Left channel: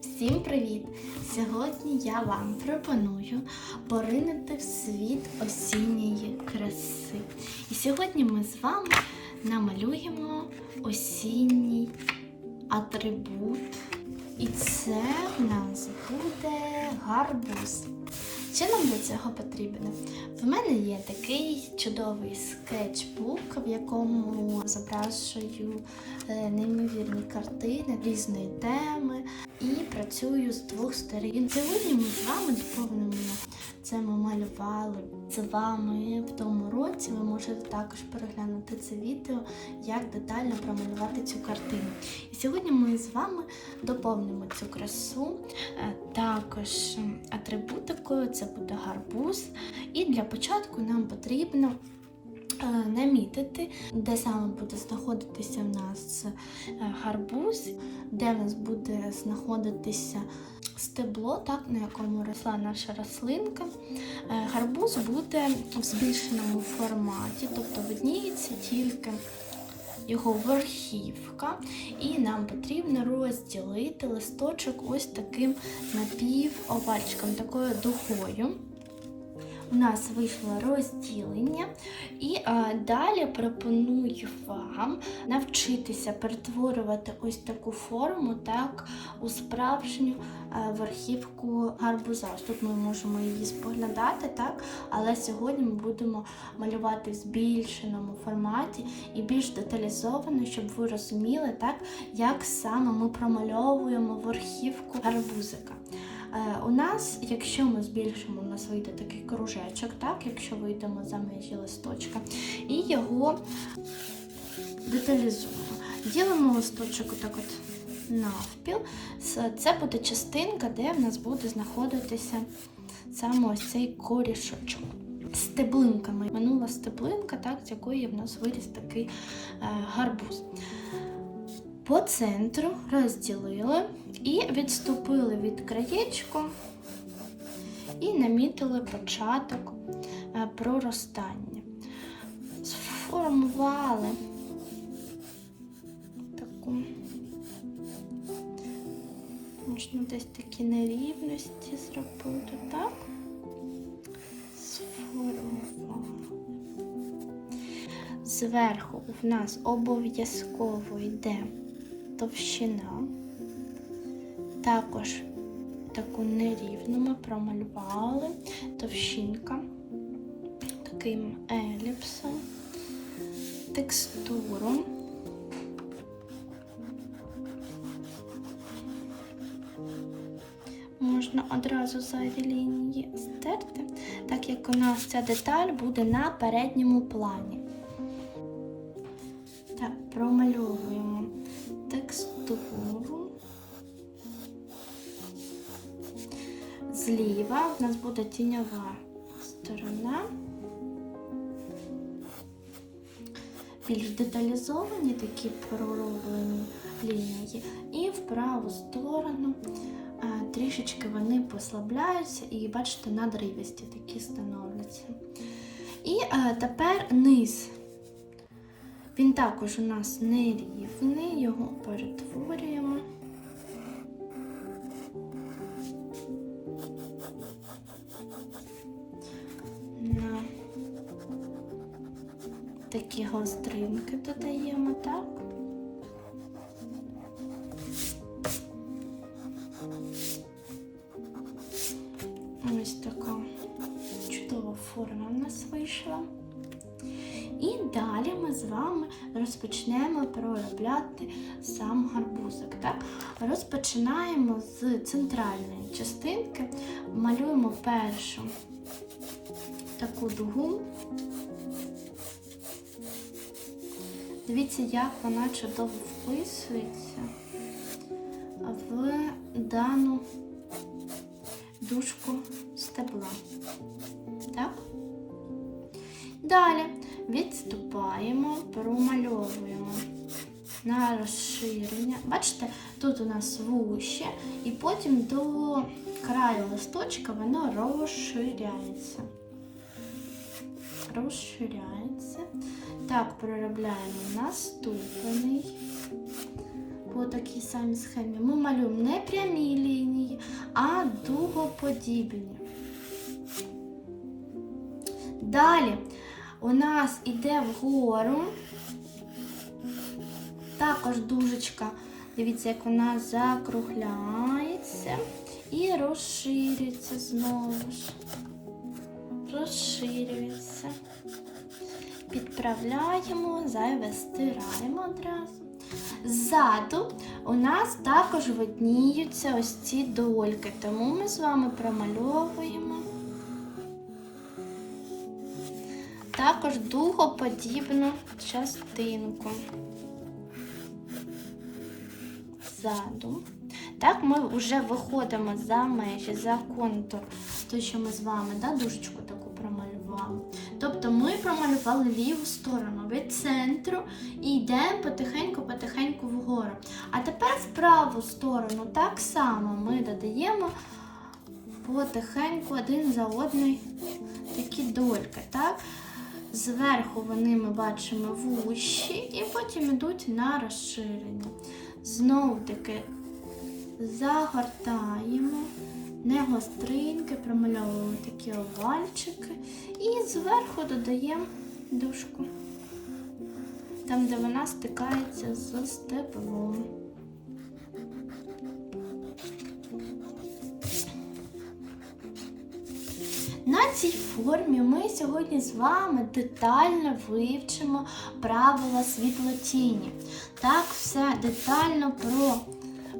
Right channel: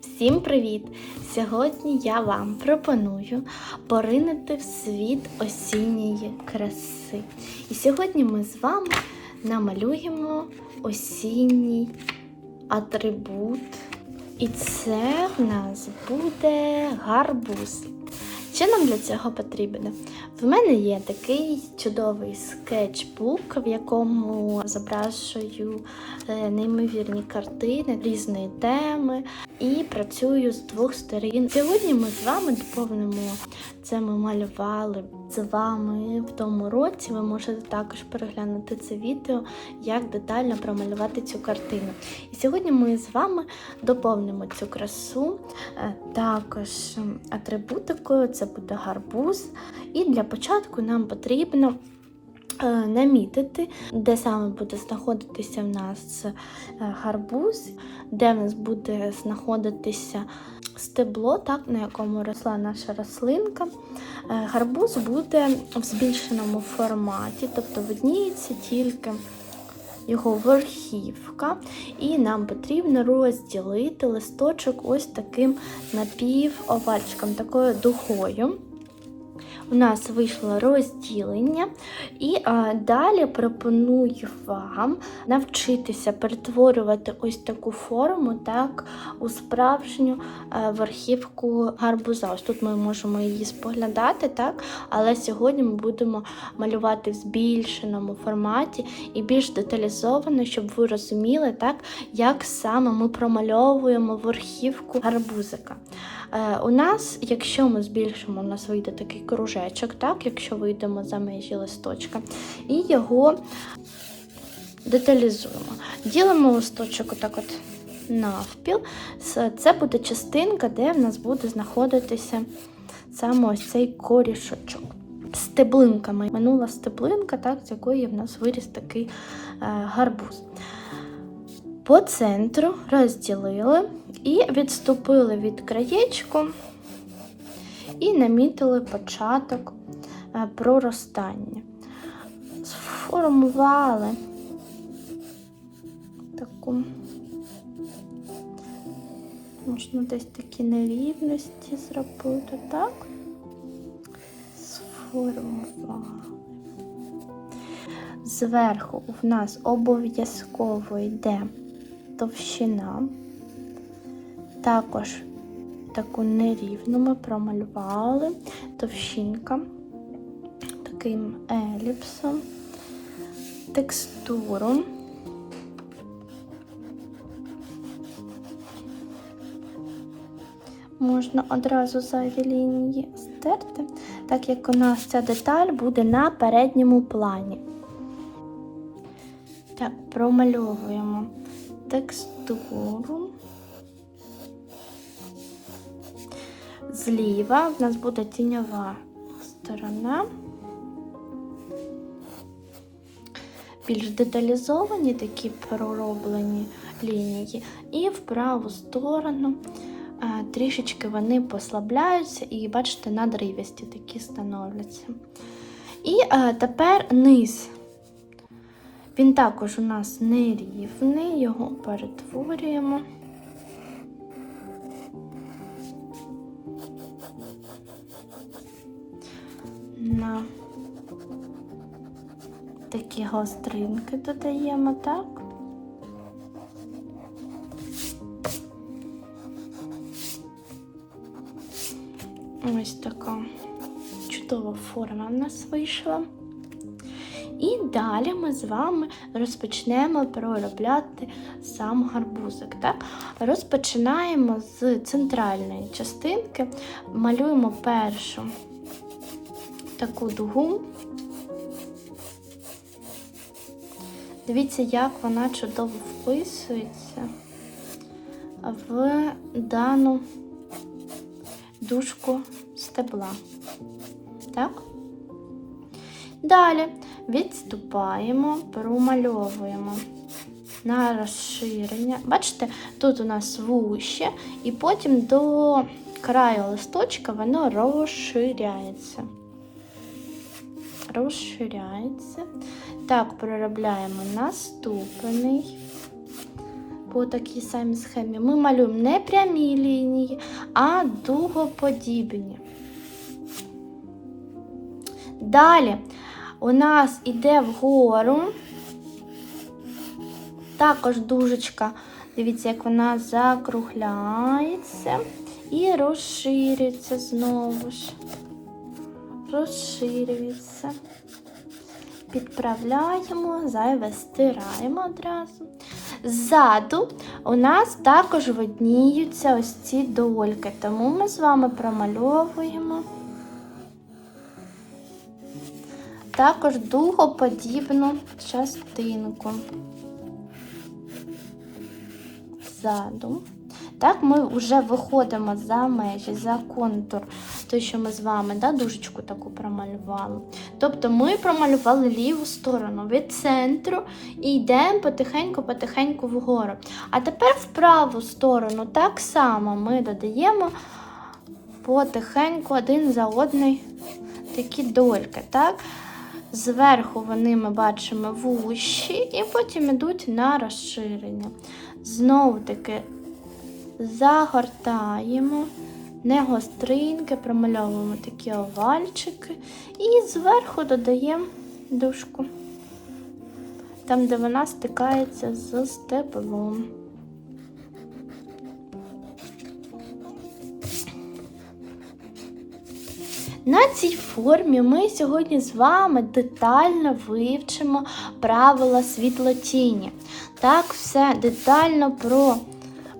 Всім привіт! Сьогодні я вам пропоную поринути в світ осінньої краси. І сьогодні ми з вами намалюємо осінній атрибут. І це в нас буде гарбуз. Що нам для цього потрібно? В мене є такий чудовий скетчбук, в якому зображую е, неймовірні картини різної теми і працюю з двох сторін. Сьогодні ми з вами доповнимо це. Ми малювали з вами в тому році. Ви можете також переглянути це відео, як детально промалювати цю картину. І сьогодні ми з вами доповнимо цю красу е, також атрибутикою. Це буде гарбуз. І для початку нам потрібно намітити, де саме буде знаходитися в нас е, гарбуз, де в нас буде знаходитися стебло, так, на якому росла наша рослинка. Е, Гарбуз буде в збільшеному форматі, тобто видніється тільки його верхівка, і нам потрібно розділити листочок ось таким напівовальчиком, такою дугою. У нас вийшло розділення, і а, далі пропоную вам навчитися перетворювати ось таку форму так, у справжню а, верхівку гарбуза. Ось тут ми можемо її споглядати, так, але сьогодні ми будемо малювати в збільшеному форматі і більш деталізовано, щоб ви розуміли, так, як саме ми промальовуємо верхівку гарбузика. Е, у нас, якщо ми збільшимо, у нас вийде такий кружечок, так, якщо вийдемо за межі листочка, і його деталізуємо. Ділимо листочок отак от навпіл. Це буде частинка, де в нас буде знаходитися саме ось цей корішочок. Стеблинками. Минула стеблинка, так, з якої в нас виріс такий е, гарбуз. По центру розділили і відступили від краєчку і намітили початок е, проростання. Сформували таку можна десь такі нерівності зробити, так? Сформували. Зверху в нас обов'язково йде товщина. Також таку нерівну ми промалювали товщинка таким еліпсом, текстуру. Можна одразу зайві лінії стерти, так як у нас ця деталь буде на передньому плані. Так, промальовуємо текстуру. Зліва в нас буде тіньова сторона. Більш деталізовані такі пророблені лінії. І в праву сторону е, трішечки вони послабляються і, бачите, надривісті такі становляться. І е, тепер низ. Він також у нас нерівний, його перетворюємо. Такі гостринки додаємо, так? Ось така чудова форма в нас вийшла. І далі ми з вами розпочнемо проробляти сам гарбузик. Так? Розпочинаємо з центральної частинки, малюємо першу таку дугу. Дивіться, як вона чудово вписується в дану дужку стебла. Так? Далі відступаємо, промальовуємо на розширення. Бачите, тут у нас вуще, і потім до краю листочка воно розширяється. Розширяється. Так, проробляємо наступний по такій самій схемі. Ми малюємо не прямі лінії, а дугоподібні. Далі у нас іде вгору. Також дужечка. Дивіться, як вона закругляється і розширюється знову ж. Розширюється. Підправляємо, зайве стираємо одразу. Ззаду у нас також видніються ось ці дольки, тому ми з вами промальовуємо також дугоподібну частинку ззаду. Так, ми вже виходимо за межі, за контур, той, що ми з вами да, дужечку таку промалювали. Тобто ми промалювали ліву сторону від центру і йдемо потихеньку-потихеньку вгору. А тепер в праву сторону так само ми додаємо потихеньку один за одний такі дольки. так? Зверху вони ми бачимо вущі і потім йдуть на розширення. Знову таки загортаємо, не гостринки, промальовуємо такі овальчики і зверху додаємо дужку, там, де вона стикається з стеблом. На цій формі ми сьогодні з вами детально вивчимо правила світлотіні. Так, все детально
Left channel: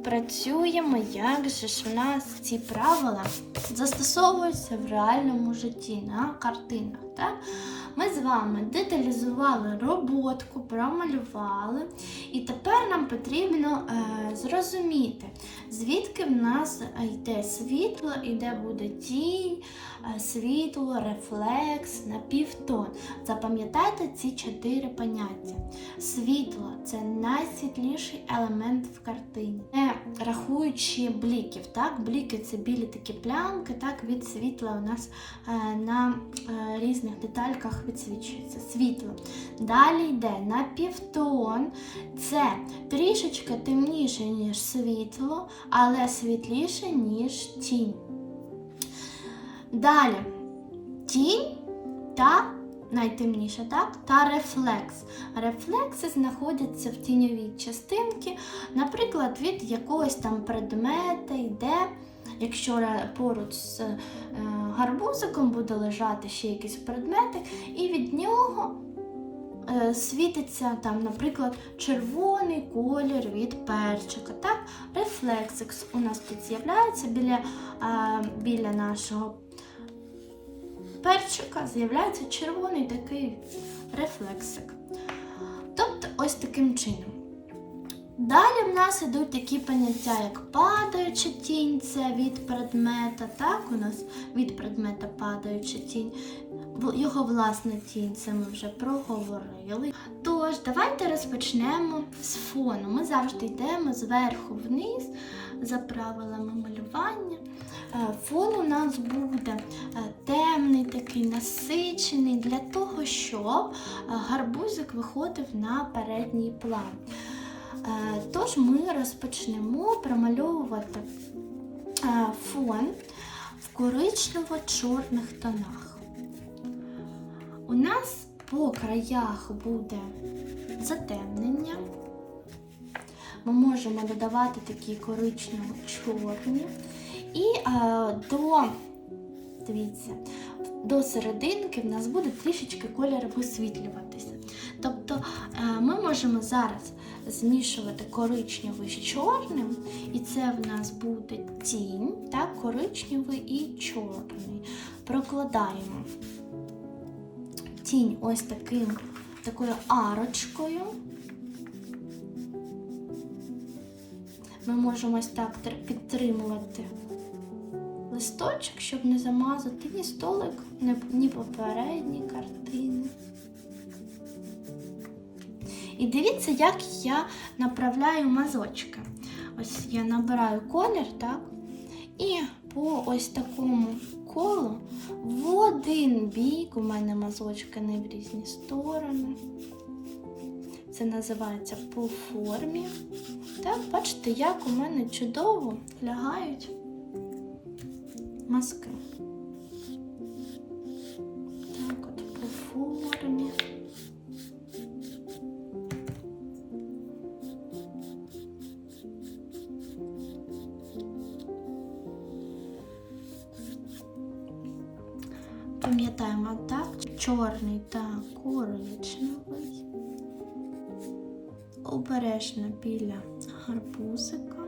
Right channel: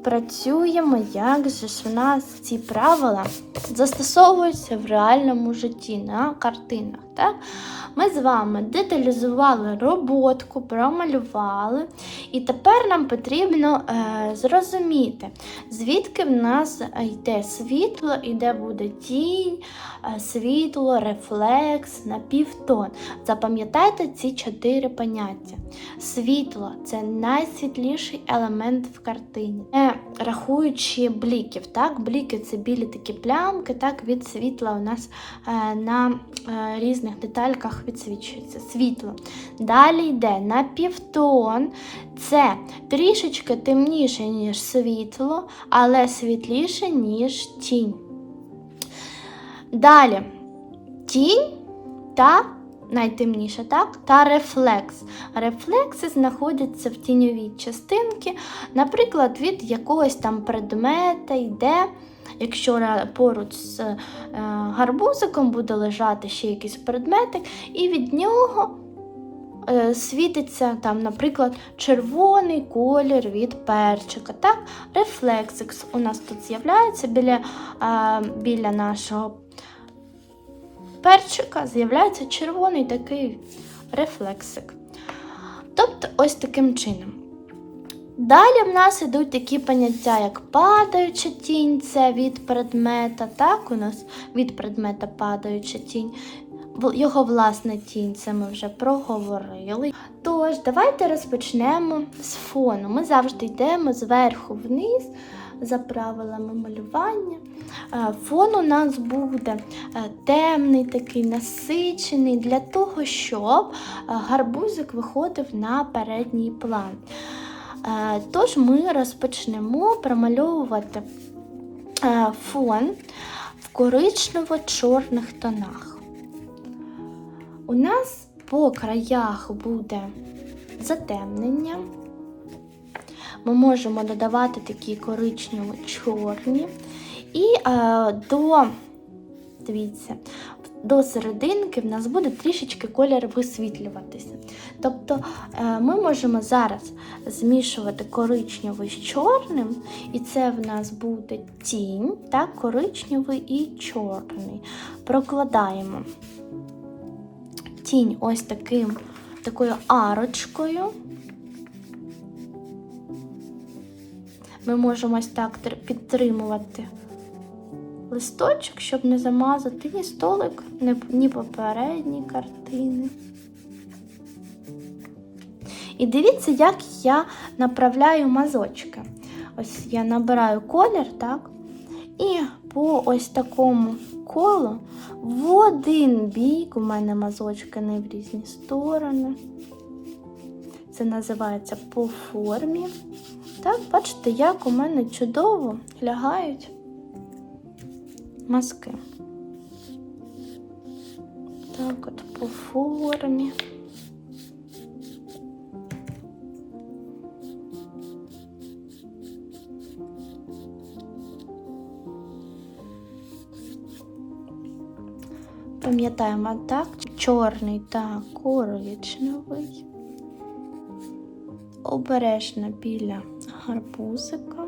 пропрацюємо, як же ж в нас ці правила застосовуються в реальному житті на картинах. Так? Ми з вами деталізували роботку, промалювали, і тепер нам потрібно е, зрозуміти, звідки в нас йде світло і де буде тінь, е, світло, рефлекс, напівтон. Запам'ятайте ці чотири поняття. Світло це найсвітліший елемент в картині. Не рахуючи бліків. Так? Бліки це білі такі плямки, так від світла у нас е, на е, різних детальках відсвічується світло. Далі йде напівтон. Це трішечки темніше, ніж світло, але світліше, ніж тінь. Далі тінь та найтемніше, так? Та рефлекс. Рефлекси знаходяться в тіньовій частинці, наприклад, від якогось там предмета йде. Якщо поруч з е, гарбузиком буде лежати ще якийсь предметик, і від нього е, світиться, там, наприклад, червоний колір від перчика. Так? Рефлексикс у нас тут з'являється біля, е, біля нашого перчика, з'являється червоний такий рефлексик. Тобто, ось таким чином. Далі в нас йдуть такі поняття, як падаюча тінь, це від предмета. Так, у нас від предмета падаюча тінь. Його власна тінь, це ми вже проговорили. Тож, давайте розпочнемо з фону. Ми завжди йдемо зверху вниз за правилами малювання. Фон у нас буде темний, такий насичений, для того, щоб гарбузик виходив на передній план. Тож ми розпочнемо промальовувати фон в коричнево-чорних тонах. У нас по краях буде затемнення. Ми можемо додавати такі коричнево-чорні. І е, до, дивіться, до серединки в нас буде трішечки колір висвітлюватися. Тобто е, ми можемо зараз змішувати коричневий з чорним, і це в нас буде тінь, так, коричневий і чорний. Прокладаємо тінь ось таким, такою арочкою. Ми можемо ось так підтримувати листочок, щоб не замазати ні столик, ні попередні картини. І дивіться, як я направляю мазочки. Ось я набираю колір, так? І по ось такому колу в один бік у мене мазочки не в різні сторони. це називається по формі. Так, бачите, як у мене чудово лягають мазки. Так, от по формі. Пам'ятаємо так, чорний та коричневий. Обережно біля гарбузика.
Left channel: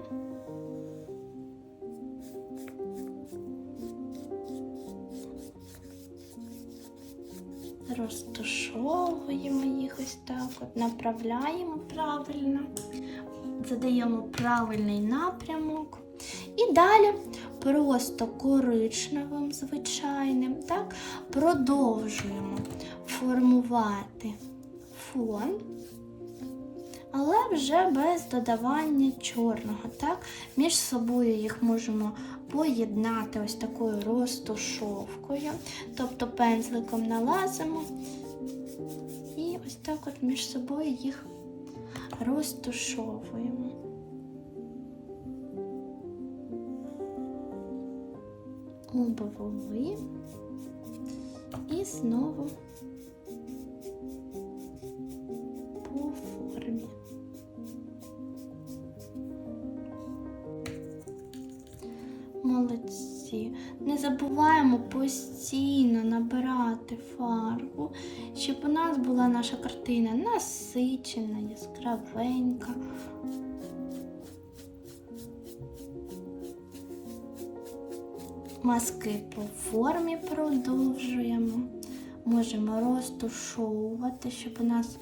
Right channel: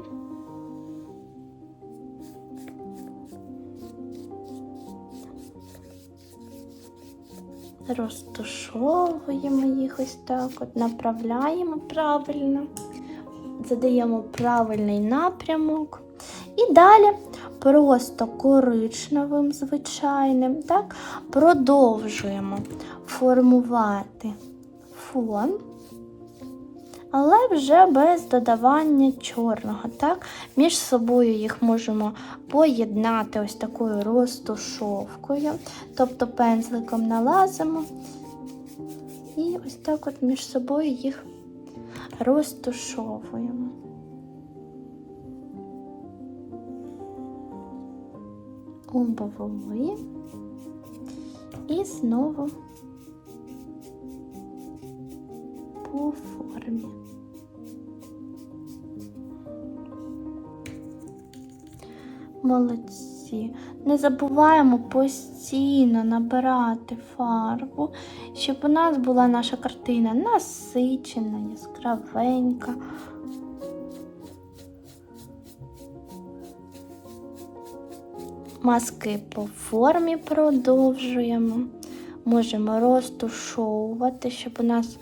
Розтушовуємо їх ось так, от направляємо правильно, задаємо правильний напрямок. І далі просто коричневим звичайним, так, продовжуємо формувати фон, але вже без додавання чорного. Так? Між собою їх можемо поєднати ось такою розтушовкою, тобто пензликом налазимо і ось так от між собою їх розтушовуємо. Обвели і знову по формі. Молодці. Не забуваємо постійно набирати фарбу, щоб у нас була наша картина насичена, яскравенька. Маски по формі продовжуємо. Можемо розтушовувати, щоб у нас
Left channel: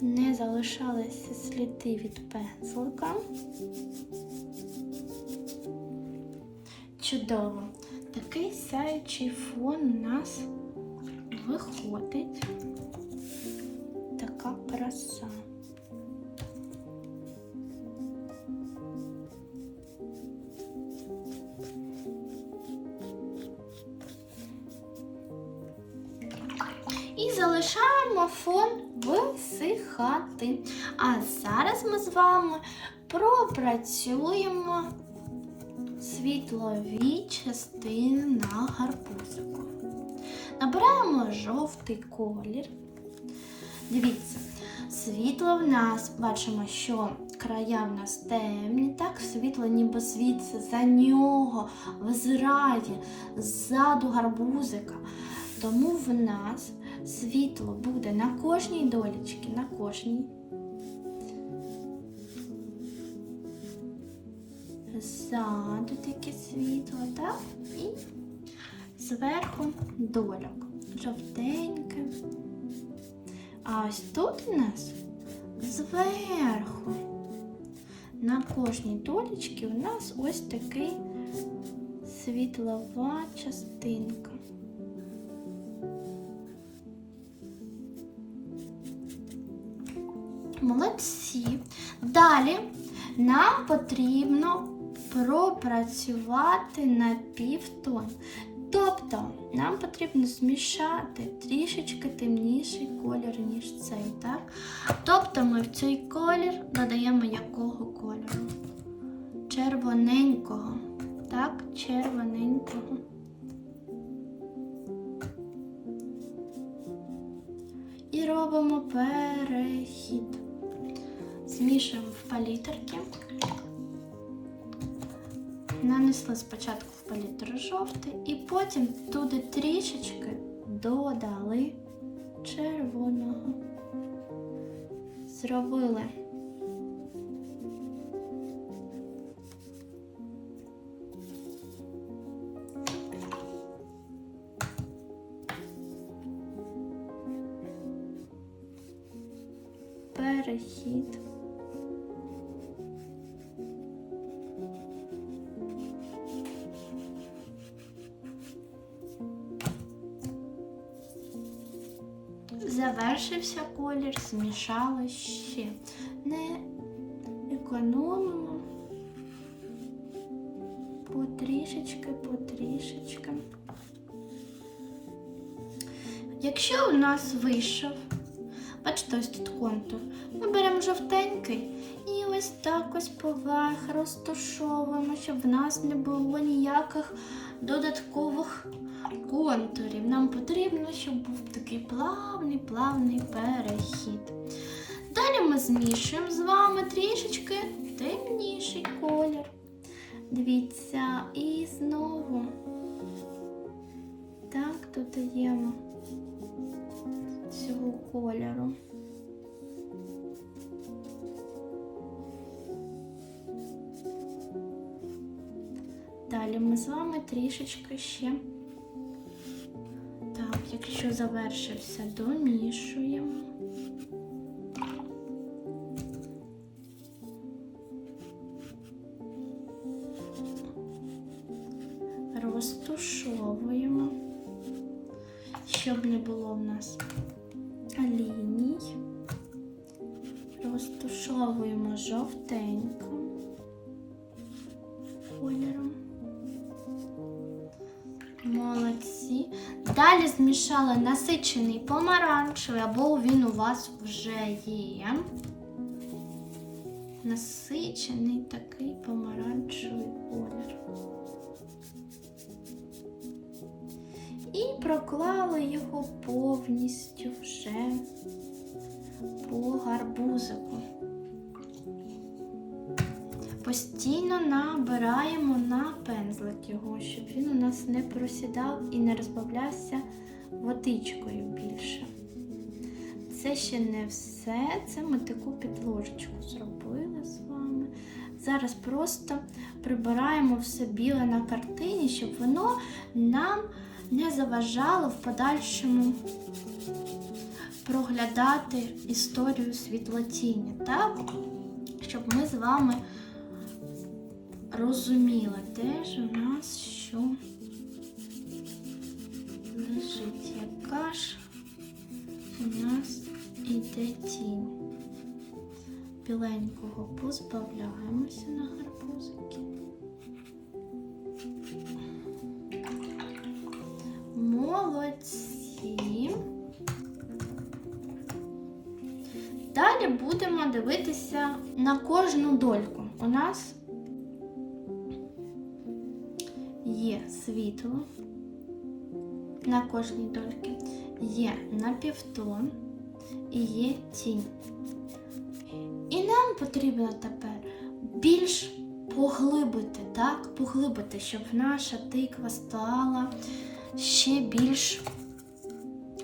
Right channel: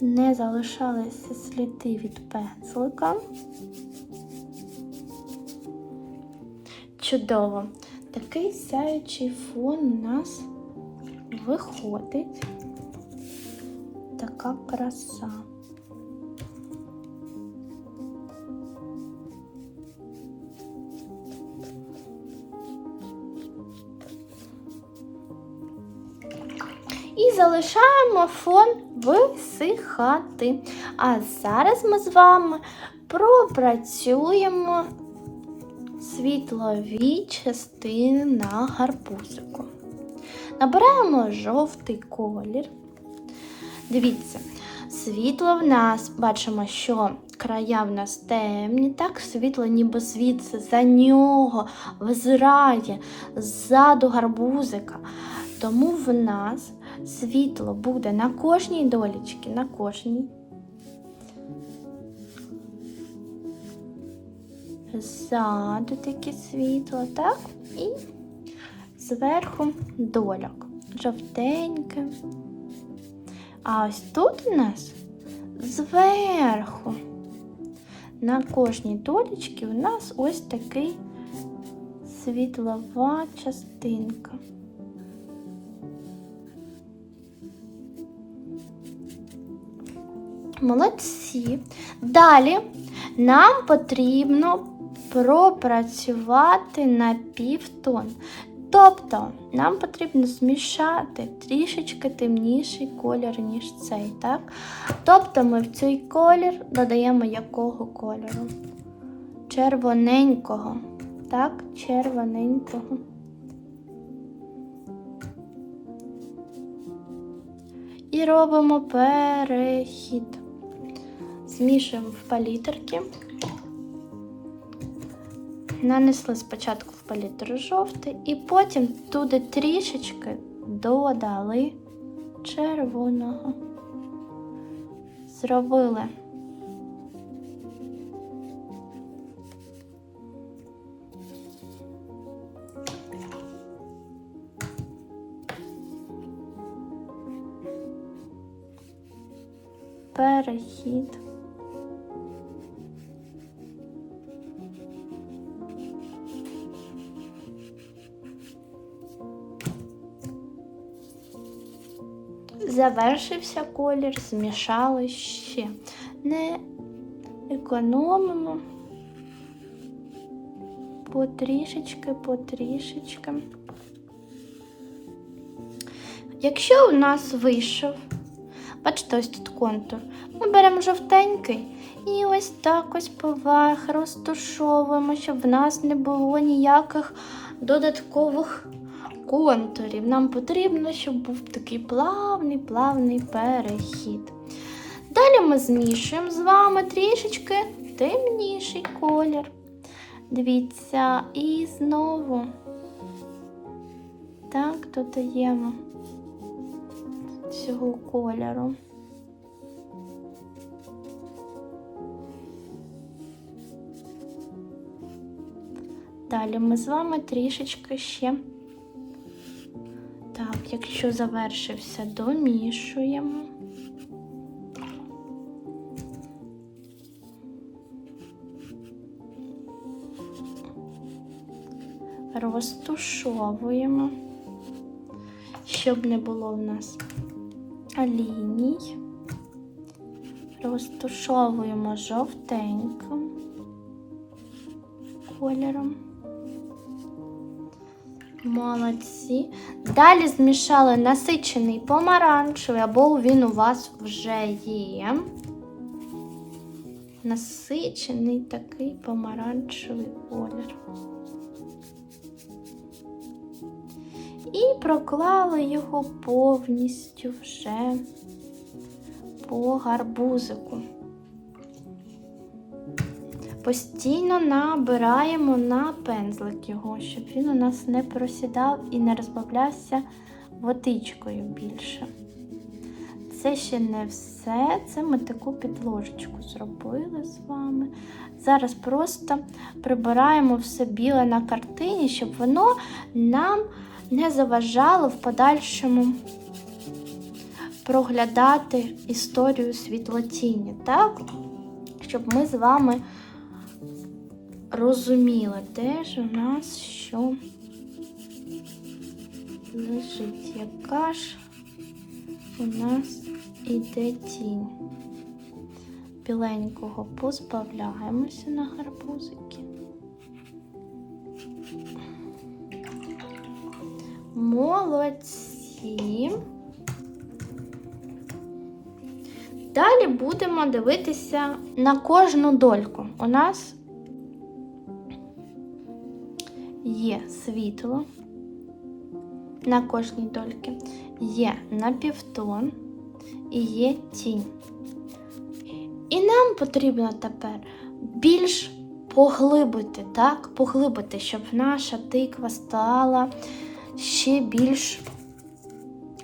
не залишалися сліди від пензлика. Чудово! Такий сяючий фон у нас виходить. Така краса. І залишаємо фон висихати. А зараз ми з вами пропрацюємо світлові частини на гарбузику. Набираємо жовтий колір. Дивіться, світло в нас бачимо, що края в нас темні, так світло ніби звідси за нього взирає ззаду гарбузика. Тому в нас світло буде на кожній долічці, на кожній. Ззаду таке світло, так? І зверху дольок. Жовтеньке. А ось тут у нас зверху. На кожній долічці у нас ось такий світлова частинка. Молодці. Далі нам потрібно пропрацювати на півтон. Тобто нам потрібно змішати трішечки темніший колір, ніж цей. так? Тобто ми в цей колір додаємо якого кольору? Червоненького. Так, червоненького. І робимо перехід. Змішуємо в палітрки. Нанесли спочатку в палітру жовтий і потім туди трішечки додали червоного. Зробили перехід. Завершився колір, змішали ще. Не економимо потрішечки, потрішечки. Якщо у нас вийшов Бачите, ось тут контур. Ми беремо жовтенький і ось так ось поверх розташовуємо, щоб в нас не було ніяких додаткових контурів. Нам потрібно, щоб був такий плавний, плавний перехід. Далі ми змішуємо з вами трішечки темніший колір. Дивіться, і знову так додаємо цього кольору. Далі ми з вами трішечки ще, так, якщо завершився, домішуємо. Розтушовуємо, щоб не було в нас ліній. Розтушовуємо жовтеньким кольором. Молодці. Далі змішали насичений помаранчевий, або він у вас вже є. Насичений такий помаранчевий колір. І проклали його повністю вже по гарбузику. Постійно набираємо на пензлик його, щоб він у нас не просідав і не розбавлявся водичкою більше. Це ще не все, це ми таку підложечку зробили з вами. Зараз просто прибираємо все біле на картині, щоб воно нам не заважало в подальшому проглядати історію світлотіні, так? Щоб ми з вами розуміли, де ж у нас що лежить, яка ж у нас іде тінь. Біленького позбавляємося на гарбузики. Молодці. Далі будемо дивитися на кожну дольку. У нас є світло на кожній дольці, є напівтон і є тінь. І нам потрібно тепер більш поглибити, так, поглибити, щоб наша тиква стала ще більш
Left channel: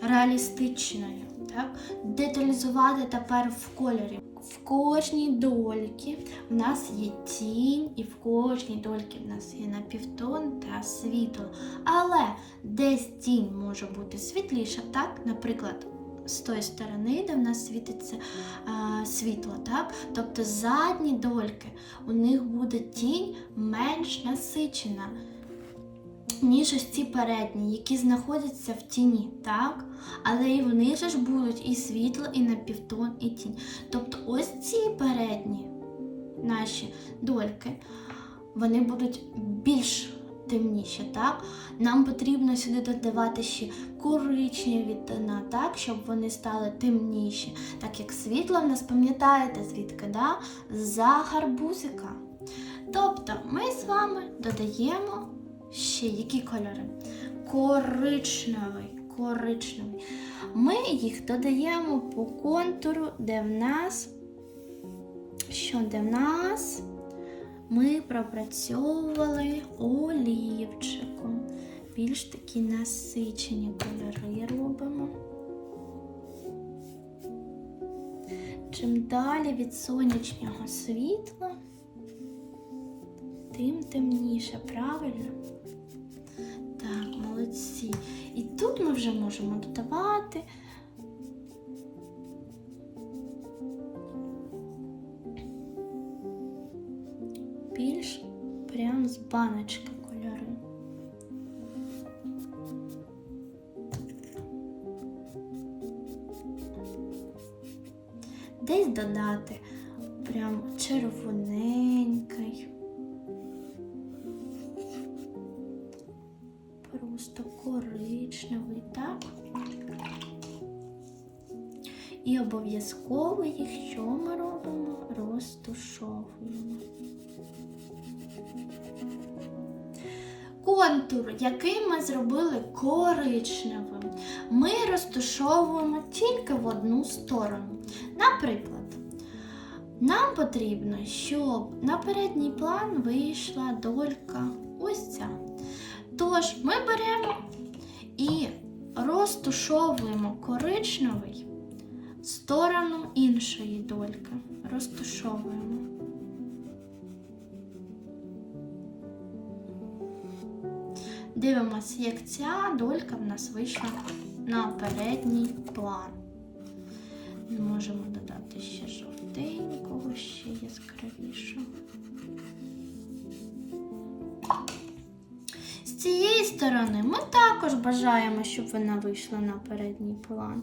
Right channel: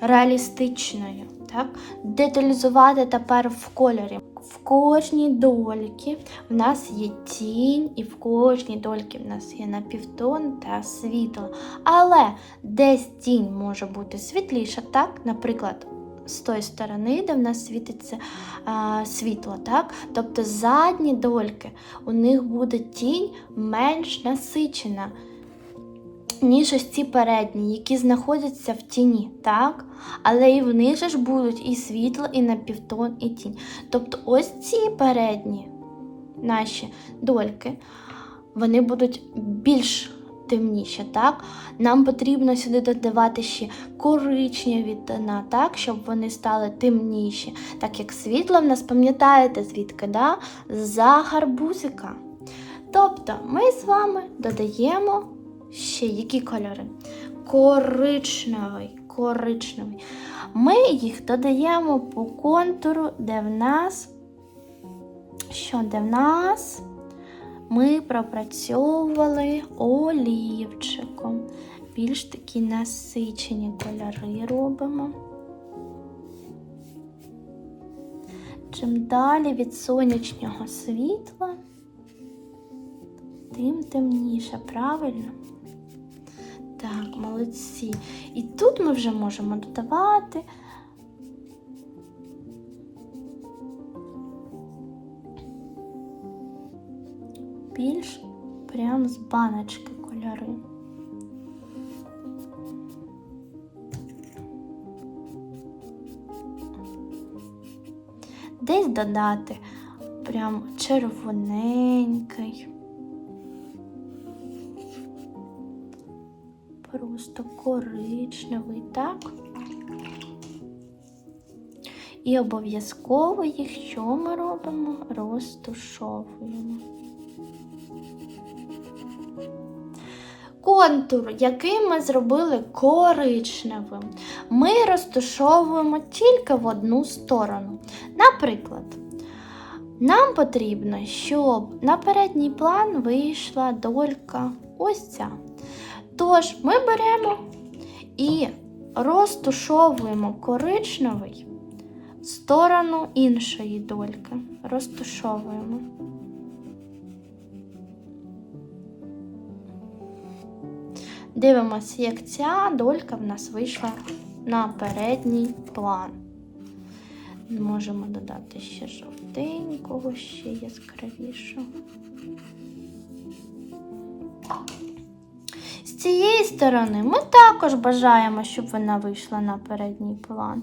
реалістичною. Так? Деталізувати тепер в кольорі. В кожній дольці в нас є тінь, і в кожній дольці в нас є напівтон та світло. Але десь тінь може бути світліша, так? Наприклад, з тої сторони, де в нас світиться а, світло, так? Тобто задні дольки, у них буде тінь менш насичена, ніж ось передні, які знаходяться в тіні, так? Але і в них ж будуть і світло, і напівтон, і тінь. Тобто ось ці передні наші дольки, вони будуть більш темніші, так? Нам потрібно сюди додавати ще коричневі тона, так, щоб вони стали темніші. Так як світло в нас, пам'ятаєте, звідки? да? За гарбузика. Тобто ми з вами додаємо ще які кольори? Коричневий, коричневий. Ми їх додаємо по контуру, де в нас, що де в нас ми пропрацьовували олівчиком. Більш такі насичені кольори робимо. Чим далі від сонячного світла, тим темніше, правильно? Так, молодці. І тут ми вже можемо додавати. Більш прям з баночки кольори. Десь додати прям червоненький. Просто коричневий, так? І обов'язково їх що ми робимо? Розтушовуємо. Контур, який ми зробили коричневим, ми розтушовуємо тільки в одну сторону. Наприклад, нам потрібно, щоб на передній план вийшла долька ось ця. Тож ми беремо і розтушовуємо коричневий в сторону іншої дольки. Розтушовуємо. Дивимося, як ця долька в нас вийшла на передній план. Можемо додати ще жовтенького, ще яскравішого. З цієї сторони ми також бажаємо, щоб вона вийшла на передній план.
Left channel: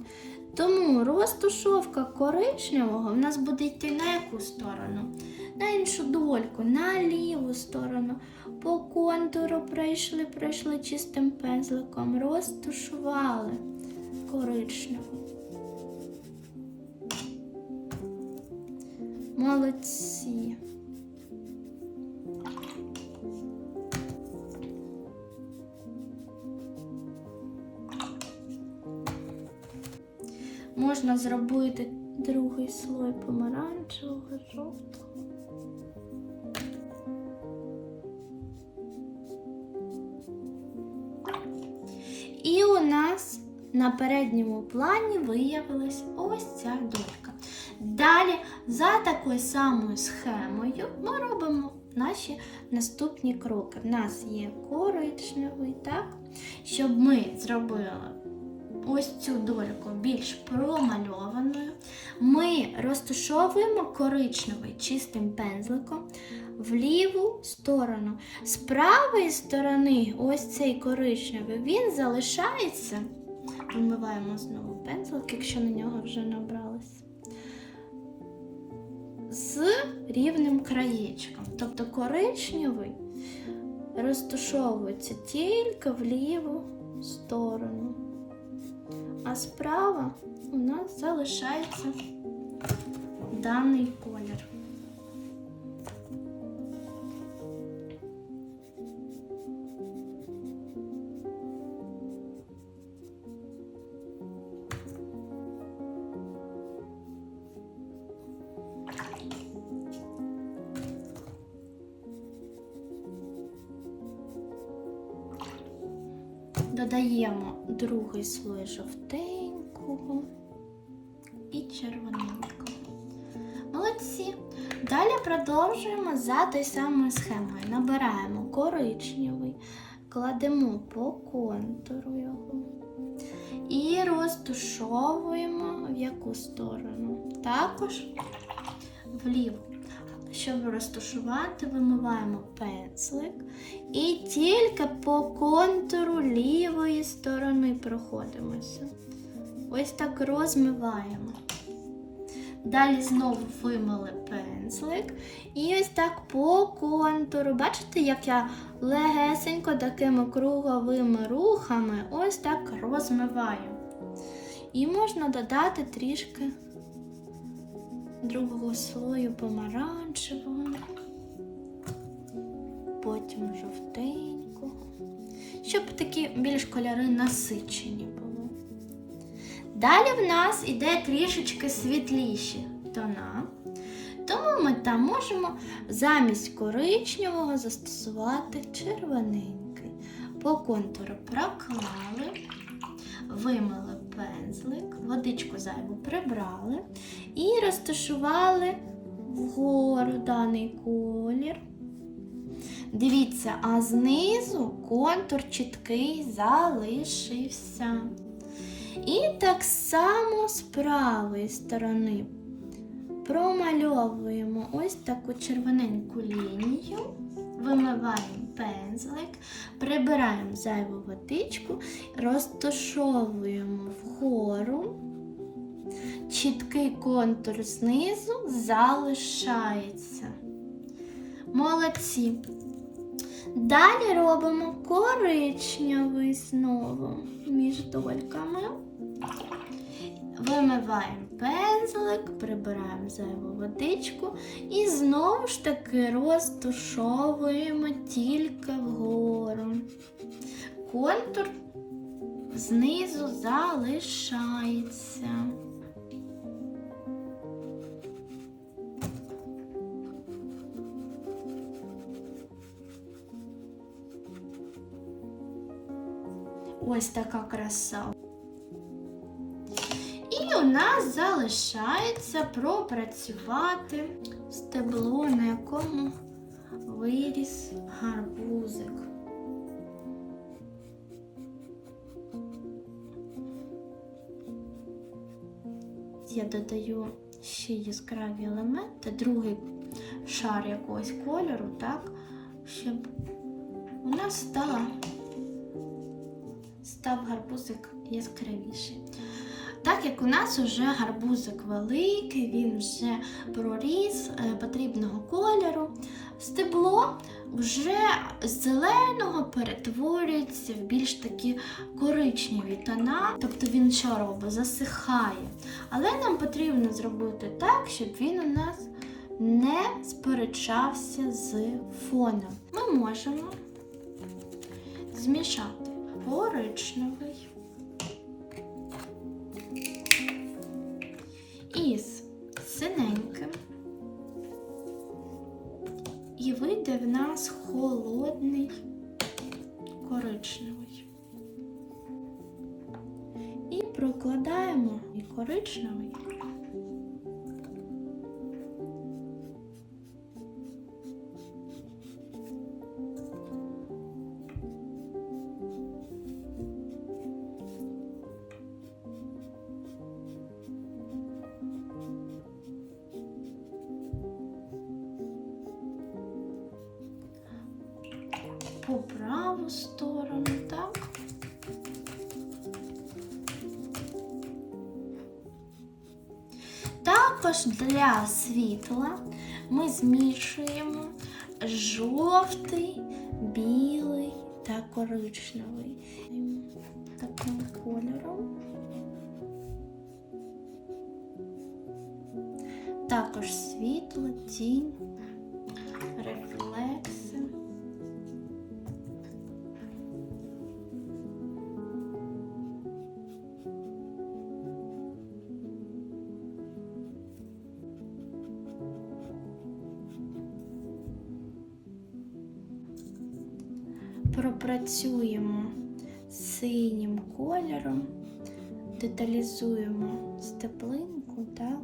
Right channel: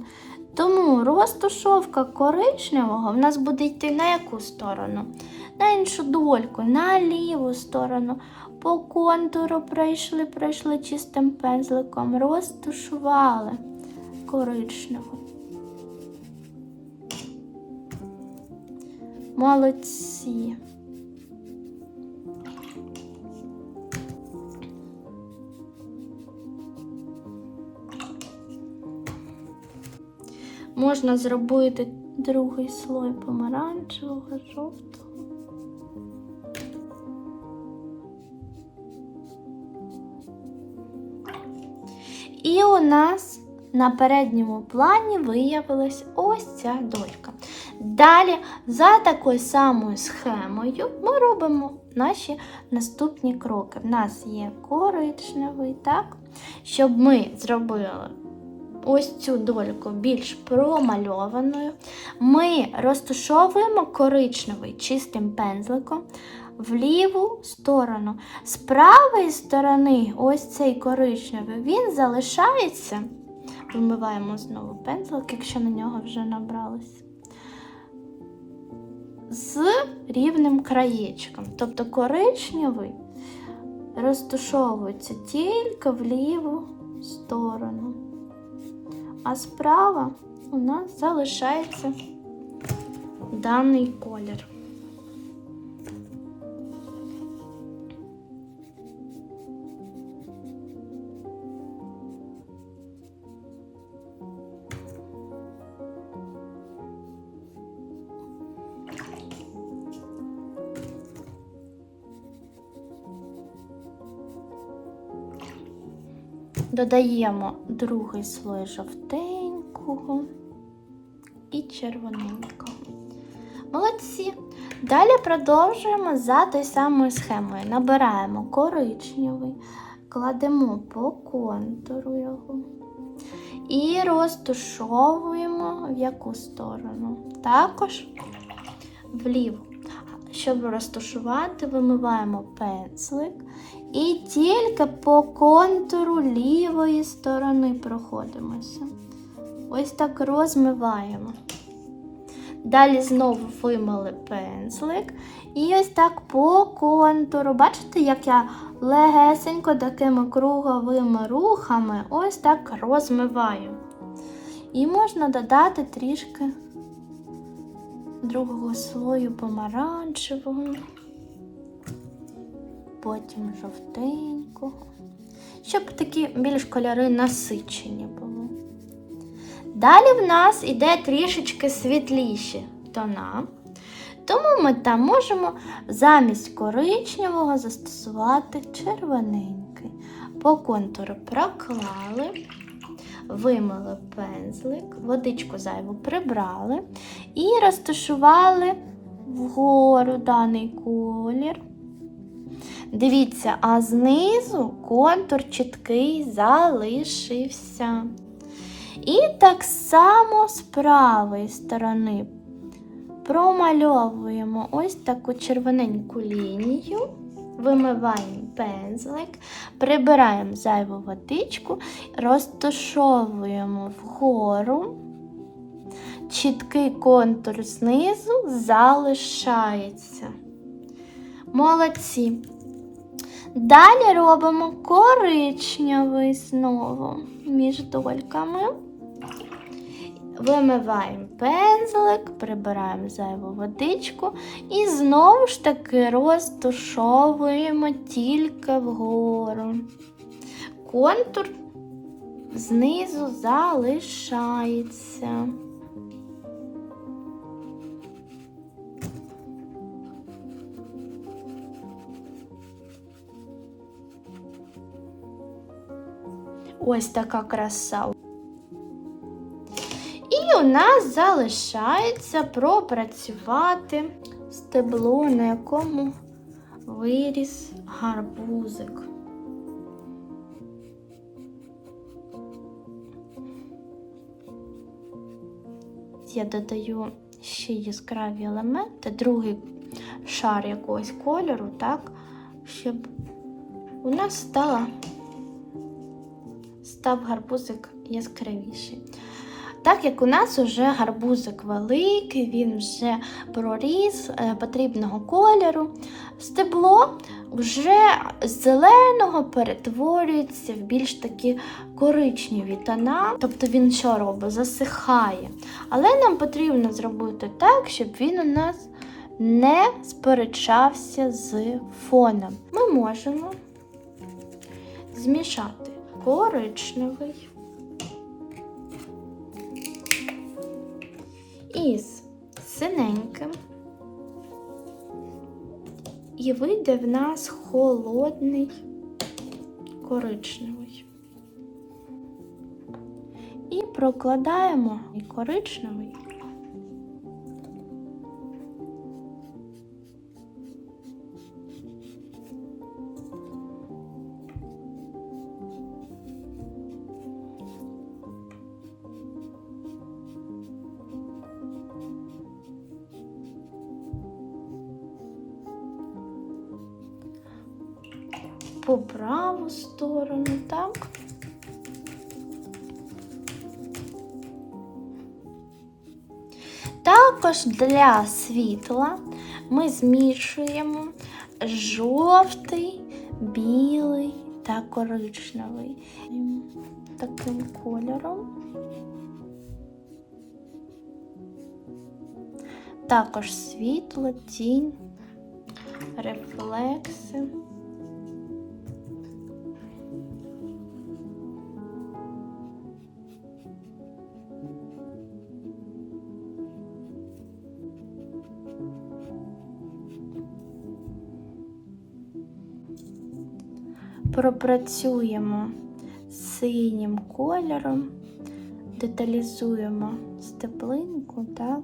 Тому розтушовка коричневого в нас буде йти на яку сторону? На іншу дольку, на ліву сторону. По контуру пройшли, пройшли чистим пензликом, розтушували коричневу. Молодці. Можна зробити другий слой помаранчевого, жовтого. І у нас на передньому плані виявилась ось ця долька. Далі, за такою самою схемою, ми робимо наші наступні кроки. В нас є коричневий, так? Щоб ми зробили ось цю дольку більш промальованою, ми розташовуємо коричневий чистим пензликом в ліву сторону. З правої сторони, ось цей коричневий, він залишається. Вимиваємо знову пензлик, якщо на нього вже набралось. З рівним краєчком. Тобто коричневий розташовується тільки в ліву сторону. А справа у нас залишається даний колір. Додаємо другий слой жовтенького і червоненького. Молодці. Далі продовжуємо за тою самою схемою. Набираємо коричневий, кладемо по контуру його і розтушовуємо в яку сторону. Також вліву. Щоб розташувати, вимиваємо пензлик і тільки по контуру лівої сторони проходимося. Ось так розмиваємо. Далі знову вимили пензлик. І ось так по контуру. Бачите, як я легесенько такими круговими рухами ось так розмиваю. І можна додати трішки другого слою помаранчевого, потім жовтенького, щоб такі більш кольори насичені були. Далі в нас іде трішечки світліші тона, тому ми там можемо замість коричневого застосувати червоненький. По контуру проклали вимили пензлик, водичку зайву прибрали і розташували вгору даний колір. Дивіться, а знизу контур чіткий залишився. І так само з правої сторони промальовуємо ось таку червоненьку лінію вимиваємо пензлик, прибираємо зайву водичку, розташовуємо вгору, чіткий контур знизу залишається. Молодці. Далі робимо коричневий знову між дольками. Вимиваємо пензлик, прибираємо зайву водичку і знову ж таки розтушовуємо тільки вгору. Контур знизу залишається. Ось така краса. І у нас залишається пропрацювати стебло, на якому виріс гарбузик. Я додаю ще яскраві елементи, другий шар якогось кольору, так, щоб у нас стала, став гарбузик яскравіший. Так як у нас вже гарбузик великий, він вже проріс е, потрібного кольору, стебло вже з зеленого перетворюється в більш такі коричневі тона, тобто він що робить? Засихає. Але нам потрібно зробити так, щоб він у нас не сперечався з фоном. Ми можемо змішати коричневий. із синеньким. І вийде в нас холодний коричневий. І прокладаємо коричневий. Для світла ми змішуємо жовтий, білий та коричневий таким кольором. Також світло, тінь, рефлекси. Пропрацюємо синім кольором, деталізуємо степлинку, так.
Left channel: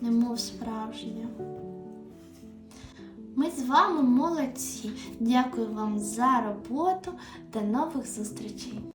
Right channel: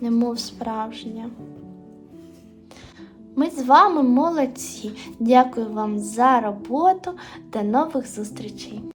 Немов справжня. Ми з вами молодці. Дякую вам за роботу. До нових зустрічей!